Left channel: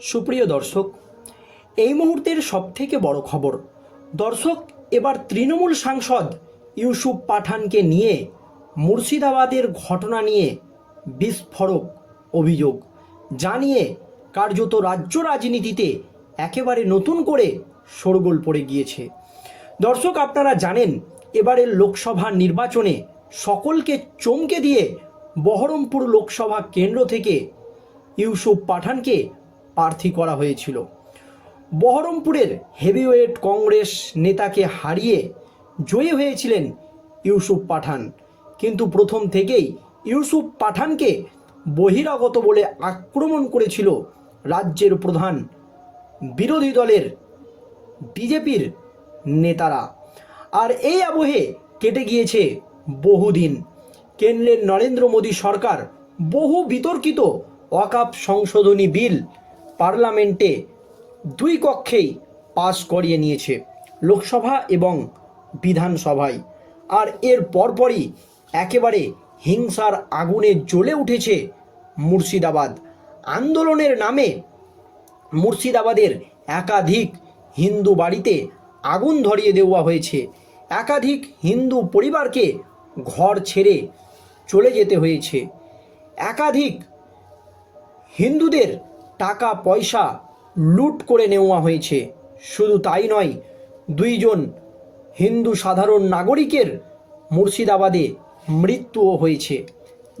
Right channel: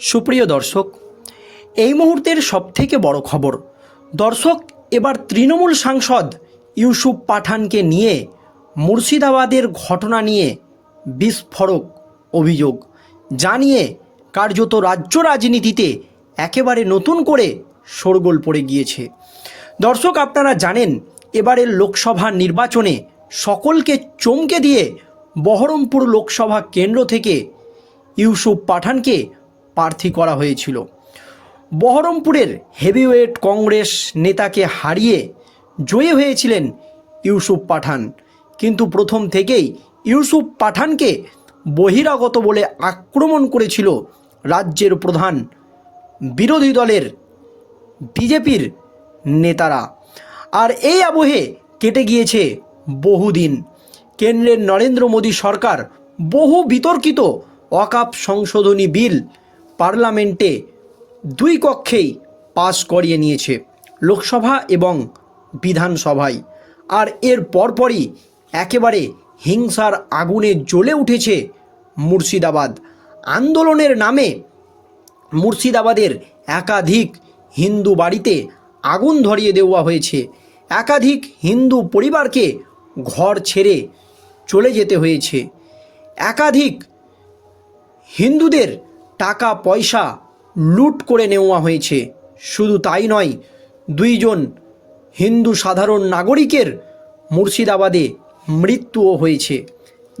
সুপ্রিয় দর্শক, এই মুহূর্তের সবথেকে বড় খবর, দর্শক, এবার তৃণমূল সাংসদ ইউসুফ পাঠানকে নিয়ে মুর্শিদাবাদের ঘটনা নিয়ে বিস্ফোরক অভিযোগ, জানিয়ে কার্যত রাজ্য রাজনীতিতে একেবারে নতুন করে শোরগোল পড়ে গিয়েছে। দর্শক, আপনারা জানেন, এবারের লোকসভা নির্বাচনে সকলকে চমকে দিয়ে বহরমপুর লোকসভা কেন্দ্র থেকে ইউসুফ পাঠানকে প্রার্থী করা হয়েছিল। বহরমপুরের হেভিওয়েট কংগ্রেস নেতাকে হারিয়ে জয়ী হয়েছিলেন ইউসুফ পাঠান। কিন্তু প্রথম থেকেই ইউসুফ পাঠানকে বহিরাগত বলে আক্রমণ করেছিল রাজ্যের প্রধান বিরোধী দলের বিজেপির নেতারা। আর এই আবহে কেটে গিয়েছে বহুদিন। কেন্দ্রের নরেন্দ্র মোদী সরকার বহু বিতর্কিত ওয়াকাপ সংশোধনী বিল পার্লামেন্টে দুই কক্ষেই পাশ করিয়ে নিয়েছে লোকসভা এবং বিধানসভায়। আর এর পরপরই একেবারে হিংসার আগুনে জ্বলে উঠেছে মুর্শিদাবাদ। আন্দোলনের নামে মুর্শিদাবাদের একাধিক হিন্দু বাড়িতে আগুন ধরিয়ে দেওয়া হয়েছে। একাধিক হিন্দু পরিবারকে ঘর ছেড়ে চলে যেতে হয়েছে। একাধিক হিন্দুদের টাকা পয়সা লুট করে নেওয়া হয়েছে। শুধু তাই নয়, দুইজন হিন্দু সাধারণ নাগরিকের মুর্শিদাবাদে মৃত্যুও হয়েছে।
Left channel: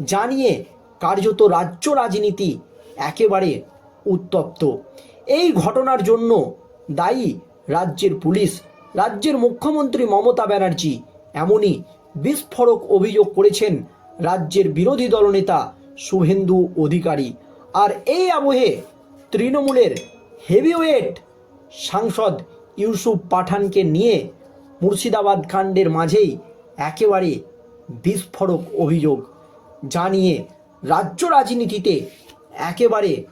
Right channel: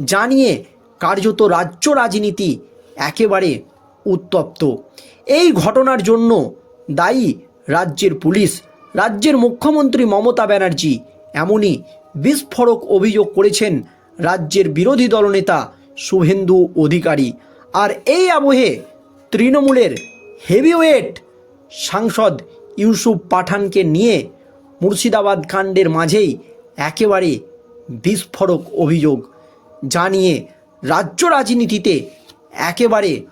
জানিয়ে কার্যত রাজ্য রাজনীতি একেবারে উত্তপ্ত। এই ঘটনার জন্য দায়ী রাজ্যের পুলিশ, রাজ্যের মুখ্যমন্ত্রী মমতা ব্যানার্জি এমনই বিস্ফোরক অভিযোগ করেছেন রাজ্যের বিরোধী দলনেতা শুভেন্দু অধিকারী। আর এই আবহে তৃণমূলের হেভিওয়েট সাংসদ ইউসুফ পাঠানকে নিয়ে মুর্শিদাবাদ কাণ্ডের মাঝেই একেবারে বিস্ফোরক অভিযোগ জানিয়ে রাজ্য রাজনীতিতে একেবারে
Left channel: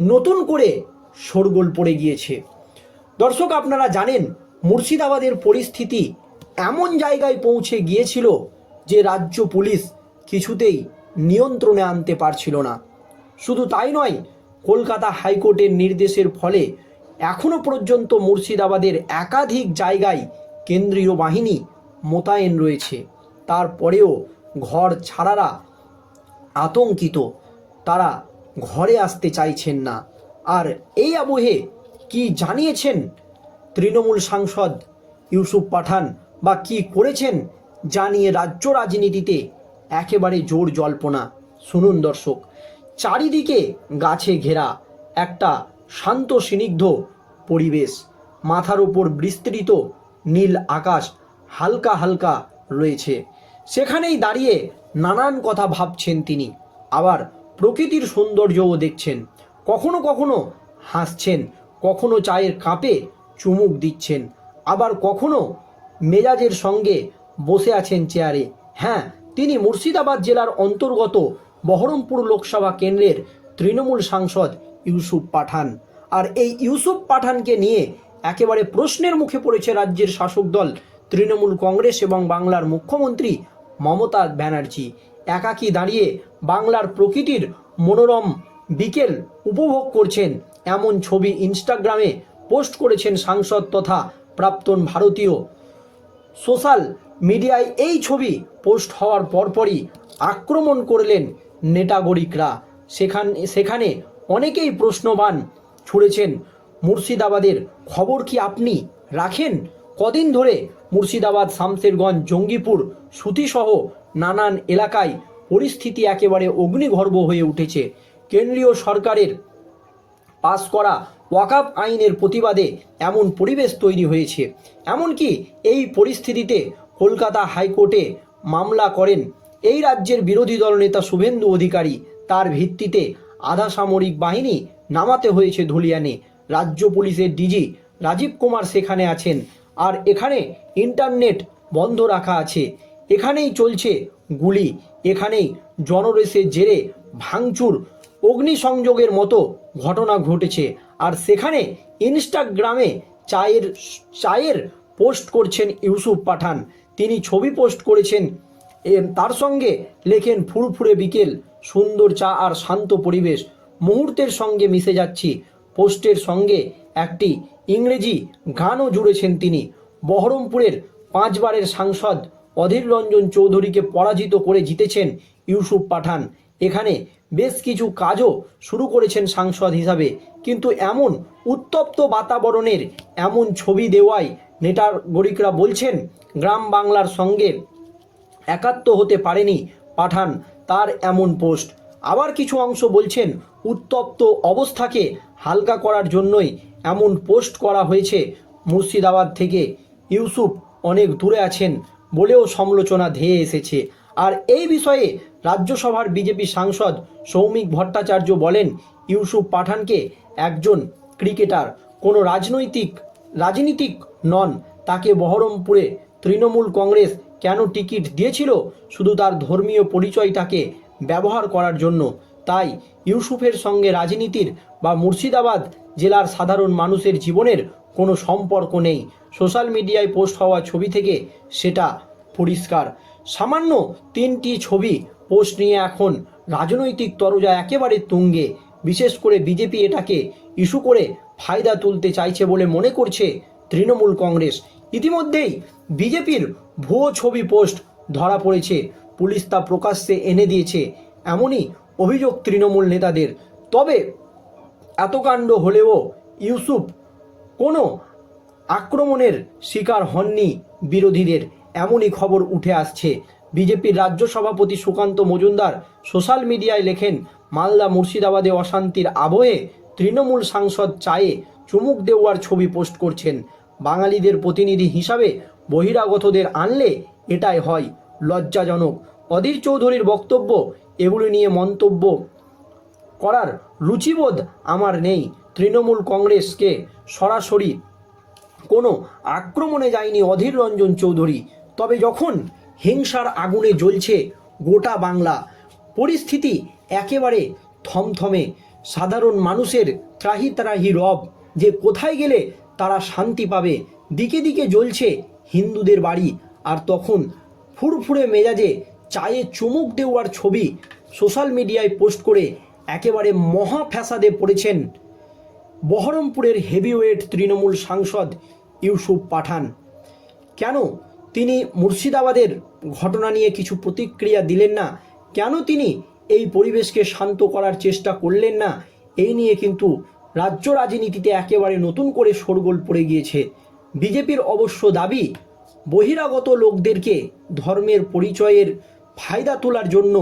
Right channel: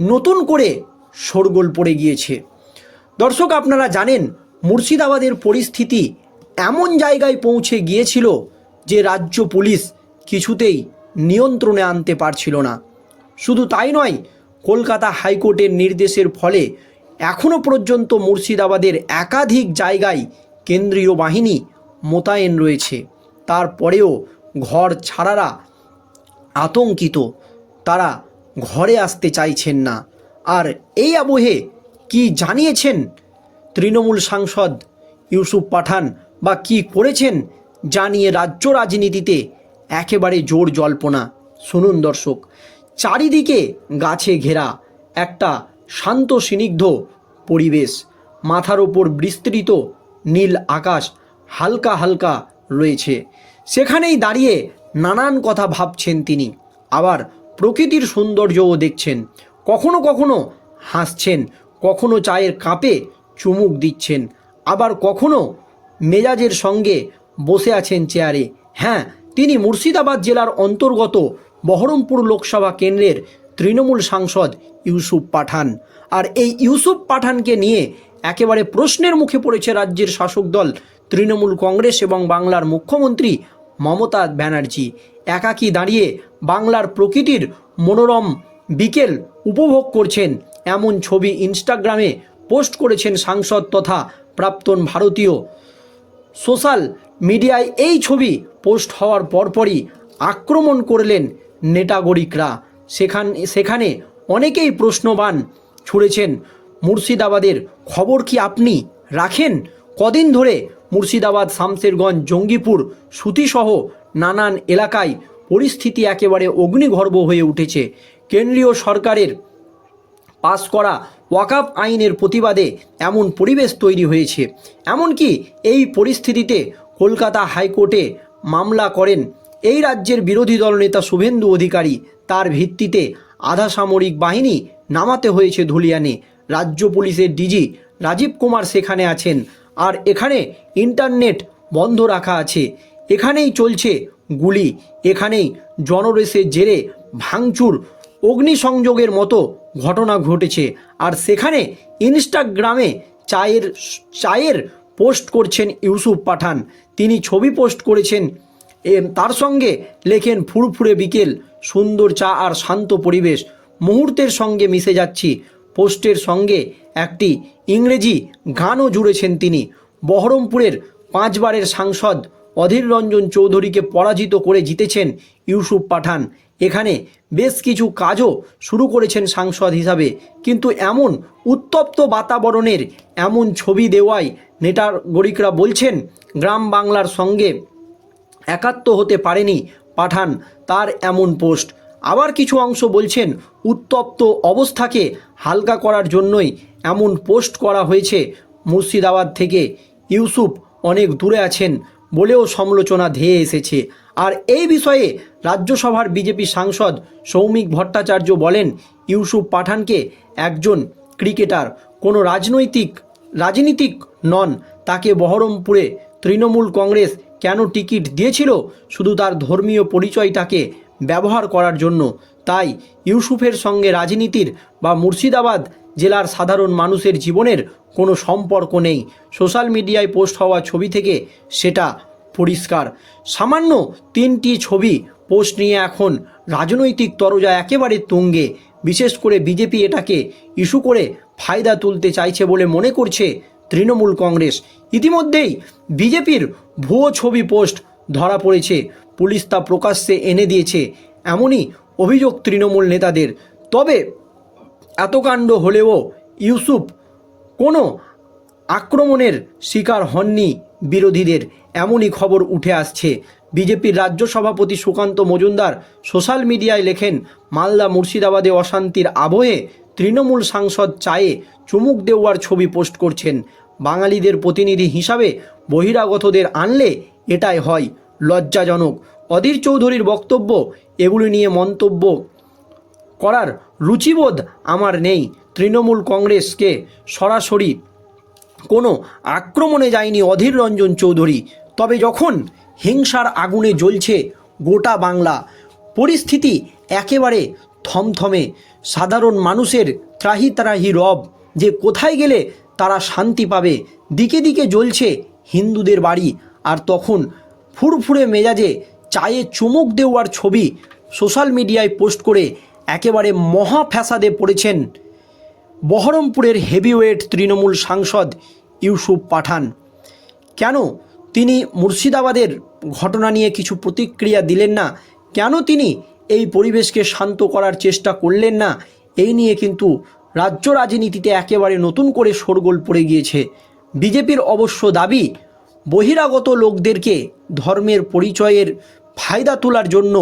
নতুন করে শোরগোল পড়ে গিয়েছে। দর্শক, আপনারা জানেন মুর্শিদাবাদের পরিস্থিতি এমন জায়গায় পৌঁছে গিয়েছিল যে রাজ্য পুলিশ কিছুতেই নিয়ন্ত্রণে আনতে পারছিল না। শুধু তাই নয়, কলকাতা হাইকোর্টের নির্দেশের ফলে এখনও পর্যন্ত মুর্শিদাবাদের একাধিক জায়গায় কেন্দ্রীয় বাহিনী মোতায়েন রয়েছে। তারপরেও ঘর ছাড়ারা আতঙ্কিত। তারা ঘরে আসতে চাইছেন না। আর এই আবহে কি জানিয়েছেন তৃণমূল সাংসদ ইউসুফ পাঠান বা কি করেছেন জানিয়ে রাজ্য রাজনীতিতে একেবারে জোর জল্পনা? শুনুন দর্শক চারিদিকে গাছে ঘেরা একটা শান্ত স্নিগ্ধ পরিবেশ। মাথার ওপর বিস্তৃত নীল আকাশ হালকা হালকা রয়েছে। সেখানেই দাঁড়িয়ে নানান কথা ভাবছেন তিনি। আবার প্রকৃতির সৌন্দর্যও দেখছেন। কখনো কখনো হাসছেন, কখনো চায়ের কাপে চুমুক দিচ্ছেন, আবার কখনো মেজাজের সঙ্গে বসে আছেন চেয়ারে। হ্যাঁ তিনি মুর্শিদাবাদ জেলার অন্তর্গত বহরমপুর লোকসভা কেন্দ্রের তৃণমূল সাংসদ ইউসুফ পাঠান। আর এই ইউসুফ পাঠানকে নিয়ে একেবারে প্রশ্নের মুখে পড়েছে রাজ্যের শাসক দল, তৃণমূল কংগ্রেস এবং বাংলার মুখ্যমন্ত্রী মমতা ব্যানার্জি। একাকী দাঁড়িয়ে বাংলার প্রকৃতির মনোরম বিকেল উপভোগ করছেন এমন ছবি ইনস্টাগ্রামে পোস্ট করেছেন সাংসদ তথা প্রাক্তন ভারতীয়। সোশ্যাল মিডিয়ায় এই ছবি পোস্ট হওয়ার পরপরই আক্রমণ করলেন নেটাগরিকরা। সেখান সেখানে অনেকেই প্রশ্নবান ছুড়েছেন, মুর্শিদাবাদের খবর কি আপনি রাখেন? কদিন ধরে মুর্শিদাবাদ শামসেরগঞ্জ জঙ্গিপুর, সুতিসহ নানান এলাকায় পরিস্থিতি একেবারে অগ্নিগর্ভ হয়ে উঠেছে। কেন্দ্রীয় সরকারের পাস করা ওয়াকাফ আইনের প্রতিবাদে এমন পরিবেশ তৈরি হয়েছে। এমনকি এই পরিস্থিতিতে কলকাতা হাইকোর্টে মামলা করেন এই রাজ্যের বিরোধী দলনেতা শুভেন্দু অধিকারী তার ভিত্তিতে আধা সামরিক বাহিনী নামাতে হয়েছে ধুলিয়ানে। রাজ্য পুলিশের ডিজি রাজীব কুমার সেখানে আছেন আর এখানে ইন্টারনেট বন্ধ রাখা আছে। এখানেই চলছে গুলি। এখানেই জনরেসের জেরে ভাঙচুর, অগ্নিসংযোগের মতো ঘটনা ঘটেছে। আর সেখানে ইনস্টাগ্রামে চায়ের চায়ের পোস্ট করছেন ইউসুফ পাঠান। তিনি ছবি পোস্ট করেছেন তার সঙ্গে লেখেন ফুরফুরে বিকেল, সুন্দর চা আর শান্ত পরিবেশ। মুহূর্তের সঙ্গে মিশে যাচ্ছি। পোস্টের সঙ্গে একটি ইংরেজি গানও জুড়েছেন তিনি। বহরমপুরের পাঁচবারের সাংসদ অধীর রঞ্জন চৌধুরীকে পরাজিত করে জিতেছেন ইউসুফ পাঠান। এখানে বেশ কিছু কাজও শুরু করেছেন সাংসদ হিসাবে। কিন্তু এমন উত্তপ্ত বাতাবরণের এমন ছবি দেওয়ায় নেটার গরিকরা বলছেন, গ্রাম বাংলার সঙ্গে একাত্ম হতে পারেনি, পাঠান তার এমন পোস্ট। আবার কিছু অংশ বলছেন, উত্তপ্ত অবস্থাকে হালকা করার জন্যই এমন পোস্ট করা হয়েছে মুর্শিদাবাদ থেকে। ইউসুফ অনেক দূরে আছেন বলেও সমালোচনা ধেয়ে এসেছে। আর এই বিষয়ে রাজ্যসভার বিজেপি সাংসদ সৌমিক ভট্টাচার্য বলেন, ইউসুফ পাঠানকে একজন ক্রিকেটার, কোনো রাজনৈতিক, রাজনীতিক নন, তাকে বহরমপুরে তৃণমূল কংগ্রেস কেন টিকিট দিয়েছিল? শুধু তার ধর্মীয় পরিচয়টাকে ব্যবহার করার জন্য। তাই ইউসুফের সঙ্গে রাজনীতির বা মুর্শিদাবাদ জেলার সাধারণ মানুষের জীবনের কোনো সম্পর্ক নেই। সোশ্যাল মিডিয়ায় পোস্ট হওয়া ছবি থেকে সেটা পরিষ্কার। সামান্য তিনটি ছবি পোস্ট নিয়ে এখন রাজনৈতিক তরজা একেবারে তুঙ্গে। বিশেষ করে বিজেপি এটাকে ইস্যু করে ফায়দা তুলতে চাইছে বলে মনে করছে তৃণমূল কংগ্রেস। ইতিমধ্যেই বিজেপির ভুয়ো ছবি পোস্ট ধরা পড়েছে। পুলিশ তা প্রকাশ্যে এনে দিয়েছে। এমনই অভিযোগ তৃণমূল নেতাদের। তবে এত কাণ্ড হলেও ইউসুফ কোনো আক্রমণের শিকার হননি বিরোধীদের, এমনই খবর উঠে আসছে। বিজেপির রাজ্য সভাপতি সুকান্ত মজুমদার সোশ্যাল মিডিয়ায় লেখেন, মালদা মুর্শিদাবাদে অশান্তির আবহে তৃণমূল সাংসদ চায়ে চুমুক দেওয়ার ছবি পোস্ট করছেন। বাঙালিদের প্রতিনিধি হিসাবে বহিরাগতদের আনলে এটাই হয় লজ্জাজনক। অধীর চৌধুরীর বক্তব্য এগুলি নিয়ে মন্তব্য করার রুচিবোধ আমার নেই। তৃণমূল কংগ্রেসকে সরাসরি কোনো আক্রমণে যায়নি অধীর রঞ্জন চৌধুরী। তবে যখন হিংসার আগুনে জ্বলছে গোটা বাংলা, পরিস্থিতি একেবারে থমথমে। সাধারণ মানুষের ত্রাহি ত্রাহি রব যে কোথায় গেলে তারা শান্তি পাবে, দিকে দিকে জ্বলছে হিন্দুদের বাড়ি আর তখন ফুরফুরে মেজাজে চায়ে চুমুক দেওয়ার ছবি সোশ্যাল মিডিয়ায় পোস্ট করে একেবারে মহা ফ্যাসাদে পড়েছেন বহরমপুরের হেভিওয়েট তৃণমূল সাংসদ ইউসুফ পাঠান। কেন তিনি মুর্শিদাবাদের ঘটনা নিয়ে কিছু প্রতিক্রিয়া দিলেন না? কেন তিনি এই পরিবেশকে শান্ত করার চেষ্টা করলেন না? এই নিয়ে কিন্তু রাজ্য রাজনীতিতে একেবারে নতুন করে শোরগোল পড়ে গিয়েছে। বিজেপির অবশ্য দাবি, বহিরাগত লোকদেরকে ধর্মের পরিচয়ের ফায়দা তোলার জন্য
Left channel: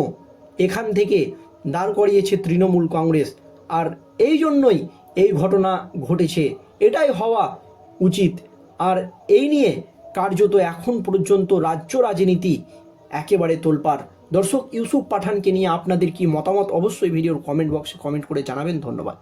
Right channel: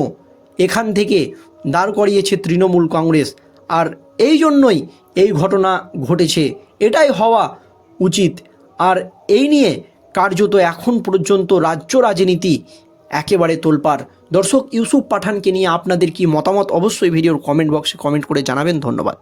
এখান থেকে দাঁড় করিয়েছে তৃণমূল কংগ্রেস। আর এই জন্যই এই ঘটনা ঘটেছে। এটাই হওয়া উচিত। আর এই নিয়ে কার্যত এখন পর্যন্ত রাজ্য রাজনীতি একেবারে তোলপার দর্শক ইউসুফ পাঠানকে নিয়ে আপনাদের কি মতামত? অবশ্যই ভিডিওর কমেন্ট বক্সে কমেন্ট করে জানাবেন। ধন্যবাদ।